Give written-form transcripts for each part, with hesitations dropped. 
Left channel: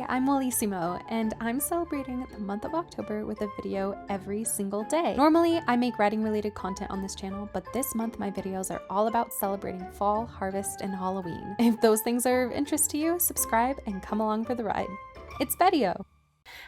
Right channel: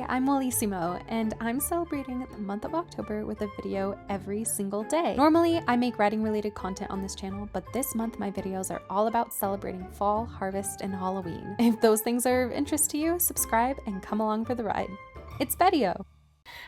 Hi, I'm Wellissimo, and I'm celebrating the month of October with a video every single day. Normally, I make writing-related content on this channel, but this month my videos are all about celebrating fall, harvest, and Halloween. If those things are of interest to you, subscribe and come along for the ride. It's VEDIO!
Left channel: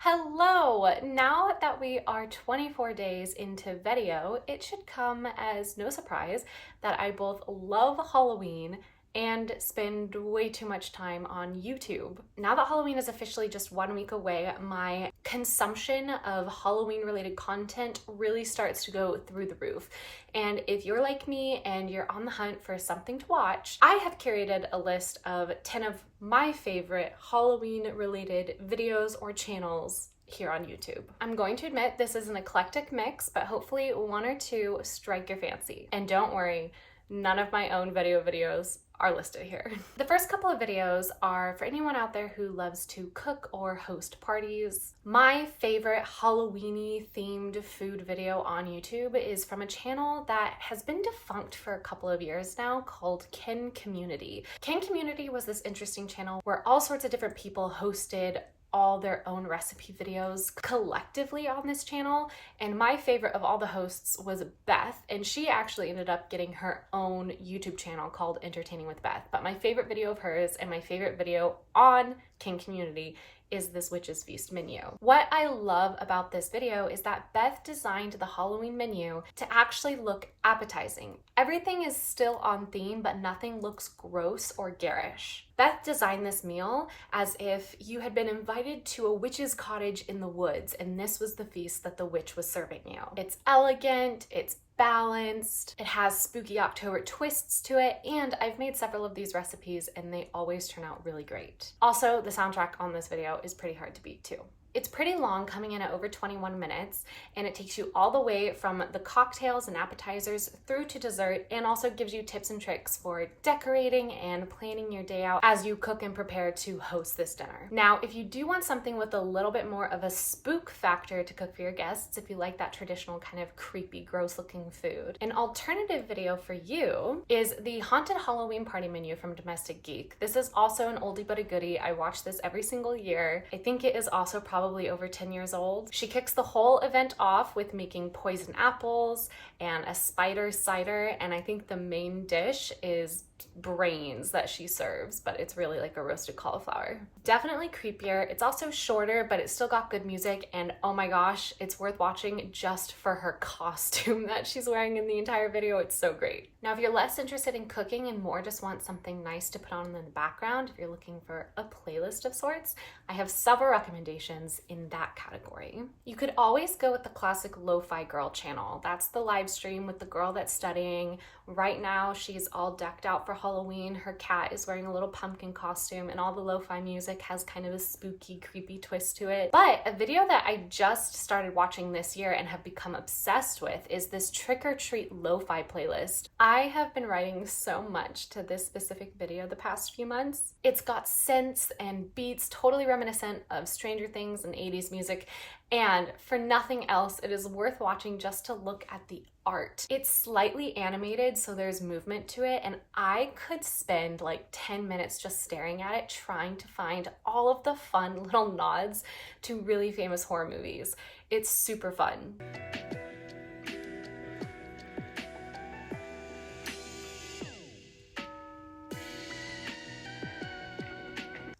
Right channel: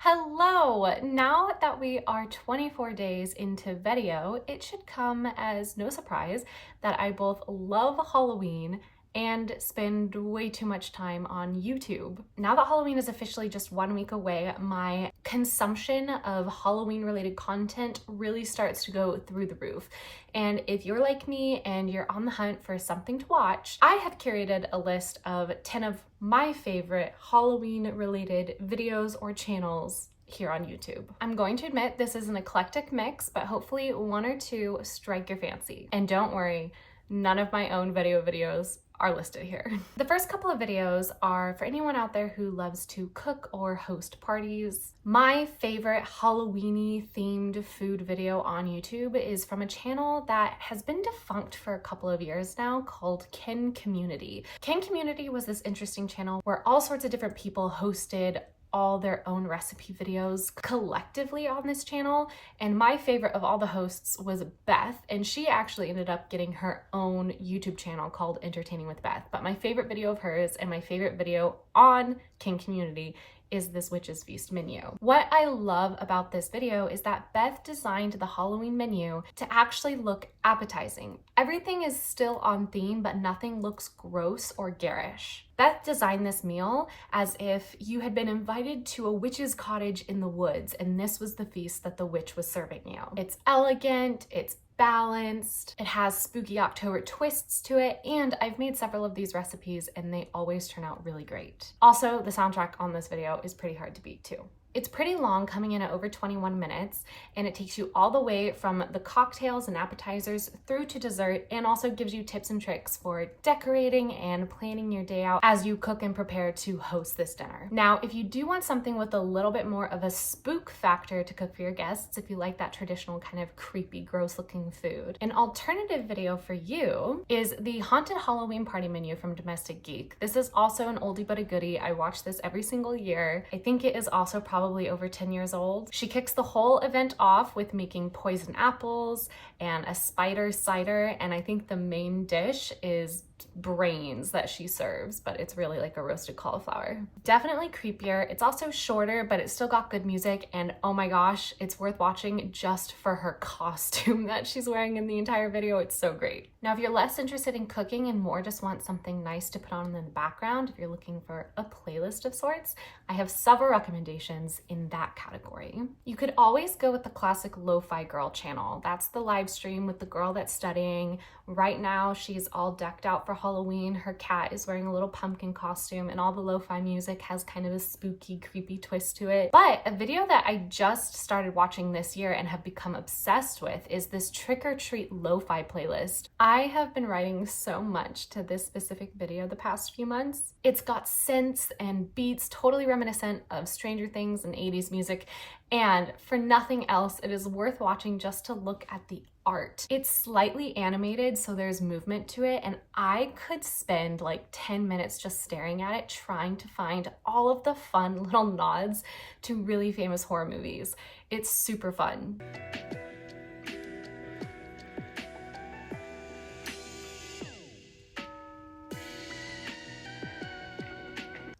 Hello! Now that we are 24 days into VEDIO, it should come as no surprise that I both love Halloween and spend way too much time on YouTube. Now that Halloween is officially just 1 week away, my consumption of Halloween related content really starts to go through the roof. And if you're like me and you're on the hunt for something to watch, I have curated a list of 10 of my favorite Halloween related videos or channels here on YouTube. I'm going to admit this is an eclectic mix, but hopefully one or two strike your fancy. And don't worry, none of my own VEDIO videos are listed here. The first couple of videos are for anyone out there who loves to cook or host parties. My favorite Halloween-y themed food video on YouTube is from a channel that has been defunct for a couple of years now called Ken Community. Ken Community was this interesting channel where all sorts of different people hosted all their own recipe videos collectively on this channel, and my favorite of all the hosts was Beth, and she actually ended up getting her own YouTube channel called Entertaining with Beth. But my favorite video of hers and my favorite video on King Community is this Witch's Feast menu. What I love about this video is that Beth designed the Halloween menu to actually look appetizing. Everything is still on theme, but nothing looks gross or garish. Beth designed this meal as if you had been invited to a witch's cottage in the woods, and this was the feast that the witch was serving you. It's elegant, it's balanced, it has spooky October twists to it, and I've made several of these recipes and they always turn out really great. Also, the soundtrack on this video is pretty hard to beat too. It's pretty long, coming in at over 21 minutes, and it takes you all the way from the cocktails and appetizers through to dessert, and also gives you tips and tricks for decorating and planning your day out as you cook and prepare to host this dinner. Now, if you do want something with a little bit more of a spook factor to cook for your guests, if you like that traditional kind of creepy, gross looking food, an alternative video for you is the Haunted Halloween Party menu from Domestic Geek. This is also an oldie but a goodie. I watch this every single year. I think it is also probably over 10 years old. She kicks the whole event off with making poison apples and a spider cider, and I think the main dish is brains that she serves, but it's really like a roasted cauliflower. Definitely creepier. It's also shorter, but it's still got good music, and oh my gosh, it's worth watching just for her costume that she's wearing in the entire video. It's so great. Now, if you're less interested in cooking and more just want something nice to put on in the background, if you're looking for a playlist of sorts, I have several recommendations in that category. You could always go with the classic Lo-Fi Girl channel. That's the live stream with the girl that's studying. Right now, she's all decked out for Halloween. Her cat is wearing a little pumpkin costume, and all the lo-fi music has kind of a spooky, creepy twist to it. But a video that I just started watching this year and have become obsessed with is this Trick or Treat lo-fi playlist. I have been writing so much to this specific video the past few months. It's got synths and beats totally reminiscent of Stranger Things and 80s music, and for nothing else, it is worth watching just to look at the art. It's slightly animated, so there's movement to it, and I could spend like 10 minutes just staring at it, trying to find all of the fun little nods to really famous horror movies. It's super fun.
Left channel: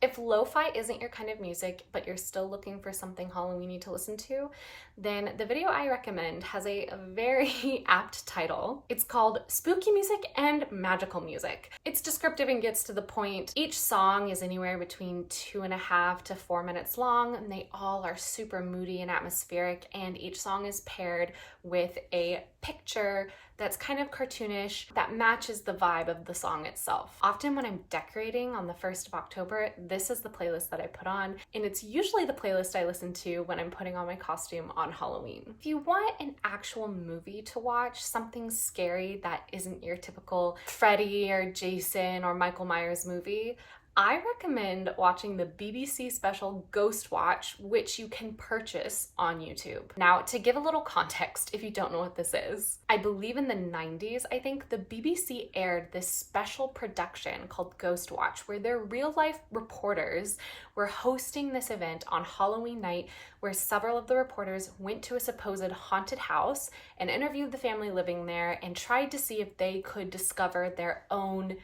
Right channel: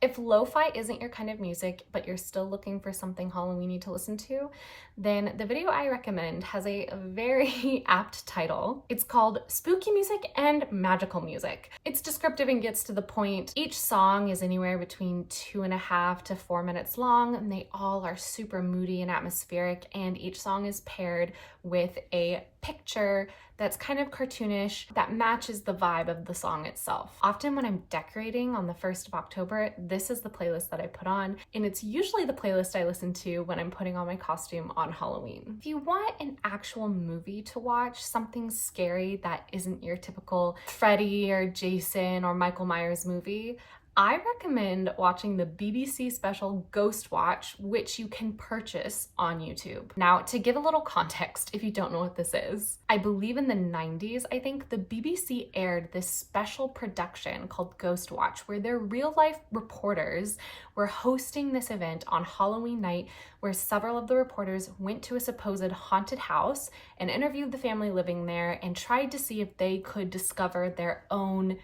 If lo-fi isn't your kind of music, but you're still looking for something Halloween-y to listen to, then the video I recommend has a very apt title. It's called Spooky Music and Magical Music. It's descriptive and gets to the point. Each song is anywhere between 2.5 to 4 minutes long, and they all are super moody and atmospheric, and each song is paired with a picture that's kind of cartoonish that matches the vibe of the song itself. Often when I'm decorating on the 1st of October, this is the playlist that I put on, and it's usually the playlist I listen to when I'm putting on my costume on Halloween. If you want an actual movie to watch, something scary that isn't your typical Freddy or Jason or Michael Myers movie, I recommend watching the BBC special Ghost Watch, which you can purchase on YouTube. Now, to give a little context, if you don't know what this is, I believe in the 90s, I think, the BBC aired this special production called Ghost Watch, where their real-life reporters were hosting this event on Halloween night, where several of the reporters went to a supposed haunted house and interviewed the family living there and tried to see if they could discover their own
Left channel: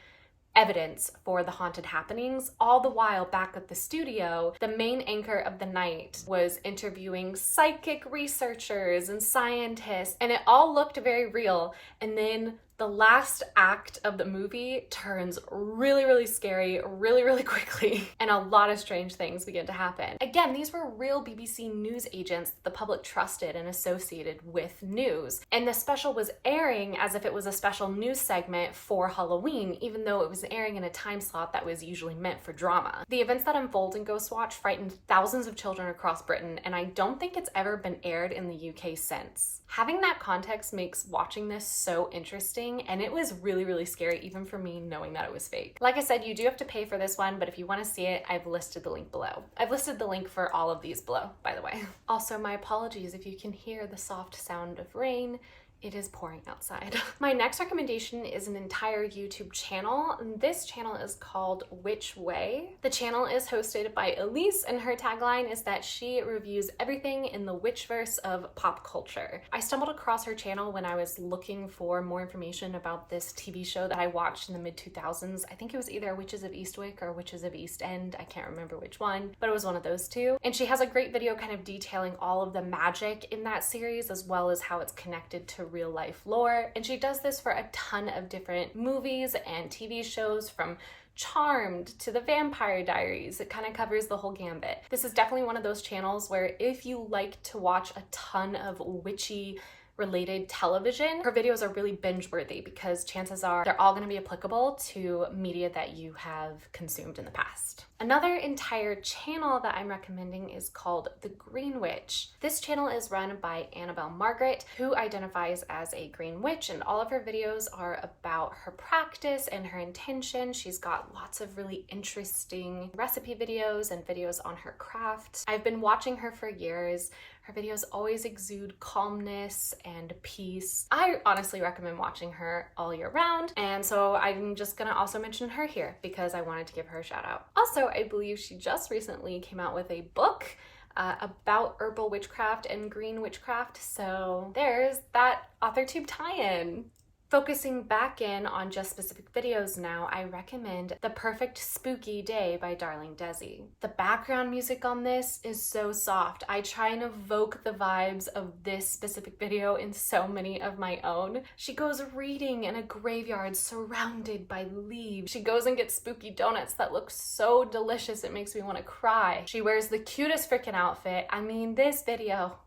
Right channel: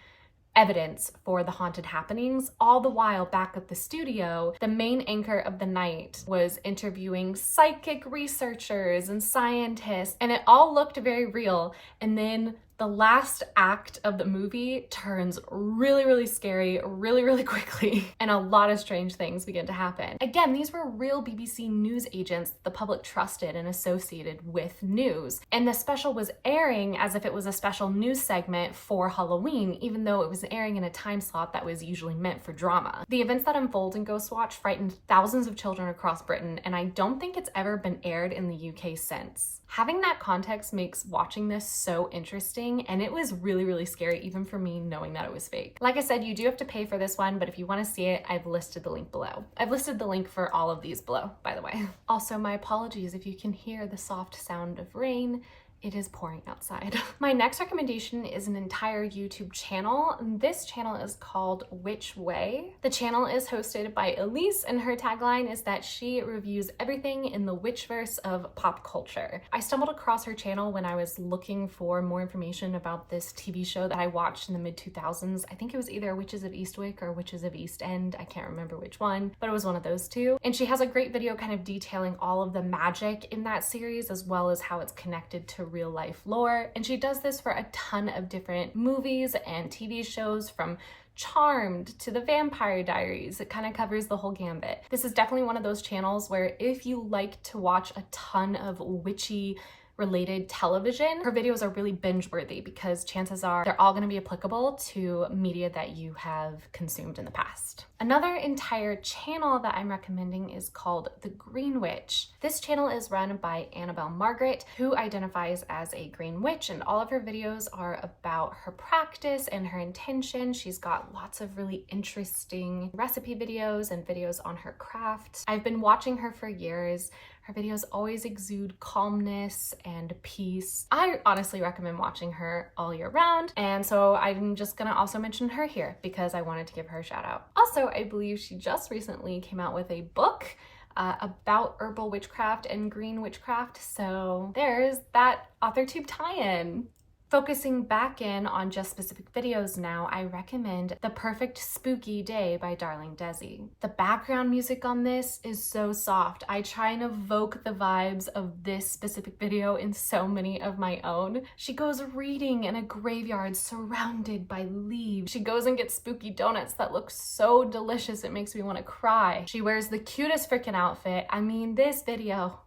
evidence for the haunted happenings. All the while back at the studio, the main anchor of the night was interviewing psychic researchers and scientists, and it all looked very real. And then the last act of the movie turns really, really scary really, really quickly, and a lot of strange things begin to happen. Again, these were real BBC news agents that the public trusted and associated with news. And the special was airing as if it was a special news segment for Halloween, even though it was airing in a time slot that was usually meant for drama. The events that unfold in Ghost Watch frightened thousands of children across Britain, and I don't think it's ever been aired in the UK since. Having that context makes watching this so interesting, and it was really, really scary even for me knowing that it was fake. Like I said, you do have to pay for this one, but if you want to see it, I've listed the link below. I've listed the link for all of these below, by the way. Also, my apologies if you can hear the soft sound of rain. It is pouring outside. My next recommendation is an entire YouTube channel. This channel is called Which Way. The channel is hosted by Elise, and her tagline is that she reviews everything in the witchverse of pop culture. I stumbled across her channel when I was looking for more information about this TV show that I watched in the mid-2000s. I think it was either Witches of Eastwick or Witches of East End. I can't remember which one, but it was one of those two. And she has a great video kind of detailing all of the magic in that series, as well as how it's connected to real life lore. And she does this for a ton of different movies and TV shows, from Charmed to the Vampire Diaries. It kind of covers the whole gambit. This is definitely one of those channels where if you like to watch a ton of witchy related television, her videos are really binge worthy because chances are they're all going to be applicable to media that you have consumed in the past. Another entire channel that I'm recommending is called The Green Witch. This channel is run by Annabelle Margaret, who identifies as a green witch, and all of her videos are about her practice and her intention. She's got lots of really interesting recipe videos and videos on her craft. I've been watching her for years. Her videos always exude calmness and peace. I honestly recommend watching her all year round, and so I'm just gonna also mention her here because I wanted to give her a shout out. Also, I believe she just recently came out with a book about herbal witchcraft and green witchcraft, so there's that AuthorTube tie-in. Focusing back in on just specific videos now, I recommend The Perfect Spooky Day by Darling Desi. The background music on this is so soft. I try and evoke the vibes of this specific video in so many of my own. She goes reading in a graveyard surrounded by leaves. She goes and gets spooky donuts that look so delicious it makes me want to cry. She wears the cutest freaking outfit. I mean, this video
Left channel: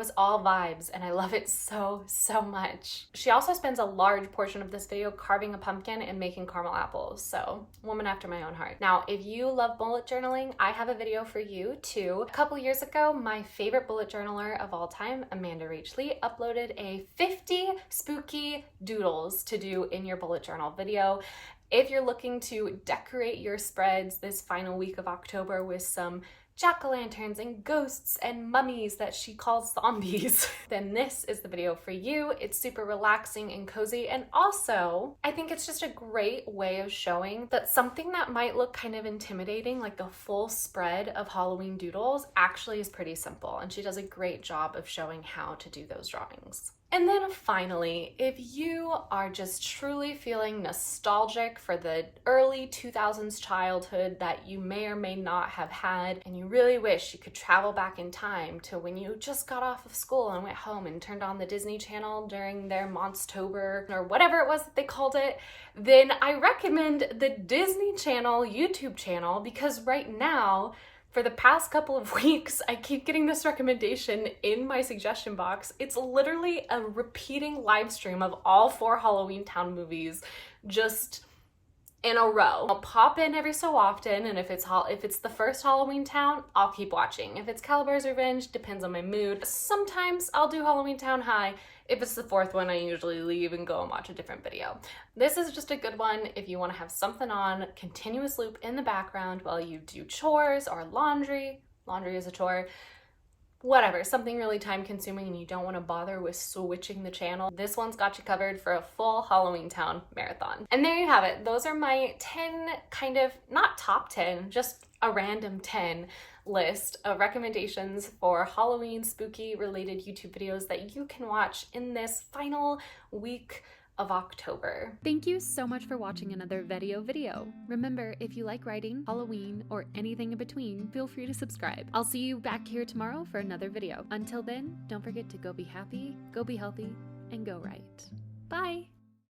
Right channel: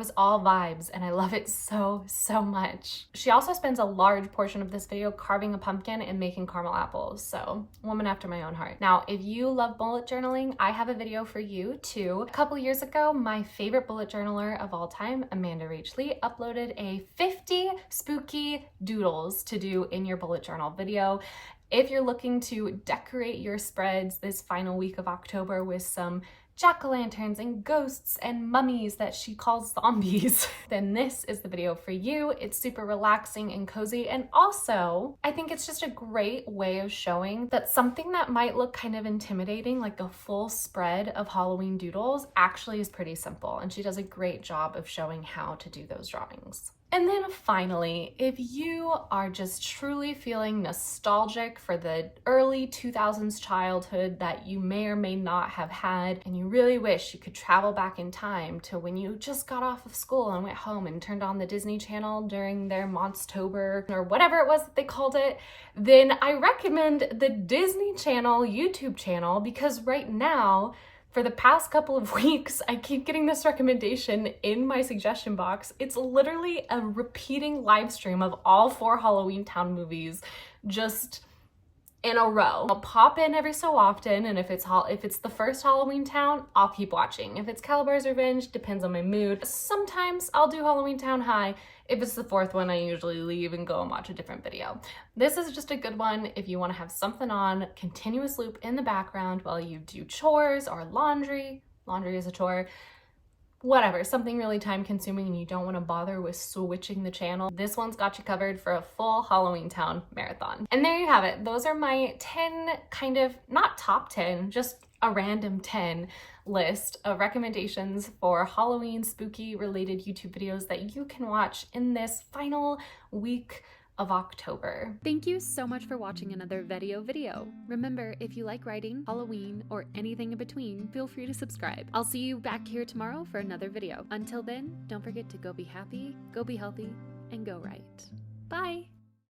is all vibes, and I love it so, so much. She also spends a large portion of this video carving a pumpkin and making caramel apples, so woman after my own heart. Now, if you love bullet journaling, I have a video for you too. A couple years ago, my favorite bullet journaler of all time, Amanda Rachley, uploaded a 50 spooky doodles to do in your bullet journal video. If you're looking to decorate your spreads this final week of October with some jack-o'-lanterns and ghosts and mummies that she calls zombies, then this is the video for you. It's super relaxing and cozy, and also I think it's just a great way of showing that something that might look kind of intimidating, like a full spread of Halloween doodles, actually is pretty simple, and she does a great job of showing how to do those drawings. And then finally, if you are just truly feeling nostalgic for the early 2000s childhood that you may or may not have had, and you really wish you could travel back in time to when you just got off of school and went home and turned on the Disney Channel during their Monstober or whatever it was that they called it, then I recommend the Disney Channel YouTube channel, because right now, for the past couple of weeks, I keep getting this recommendation in my suggestion box. It's literally a repeating live stream of all 4 Halloweentown movies just in a row. I'll pop in every so often, and if it's the first Halloweentown, I'll keep watching. If it's Calabar's Revenge, depends on my mood. Sometimes I'll do Halloweentown High. If it's the fourth one, I usually leave and go and watch a different video. This is just a good one if you want to have something on continuous loop in the background while you do chores or laundry. Laundry is a chore. Whatever, something really time consuming and you don't want to bother with switching the channel. This one's got you covered for a full Halloweentown marathon. And there you have it. Those are my 10 kind of, not top 10, just a random 10 list of recommendations for Halloween spooky related YouTube videos that you can watch in this final week of October. Thank you so much for watching another VEDIO video. Remember, if you like writing, Halloween, or anything in between, feel free to subscribe. I'll see you back here tomorrow for another video. Until then, don't forget to go be happy, go be healthy, and go write. Bye!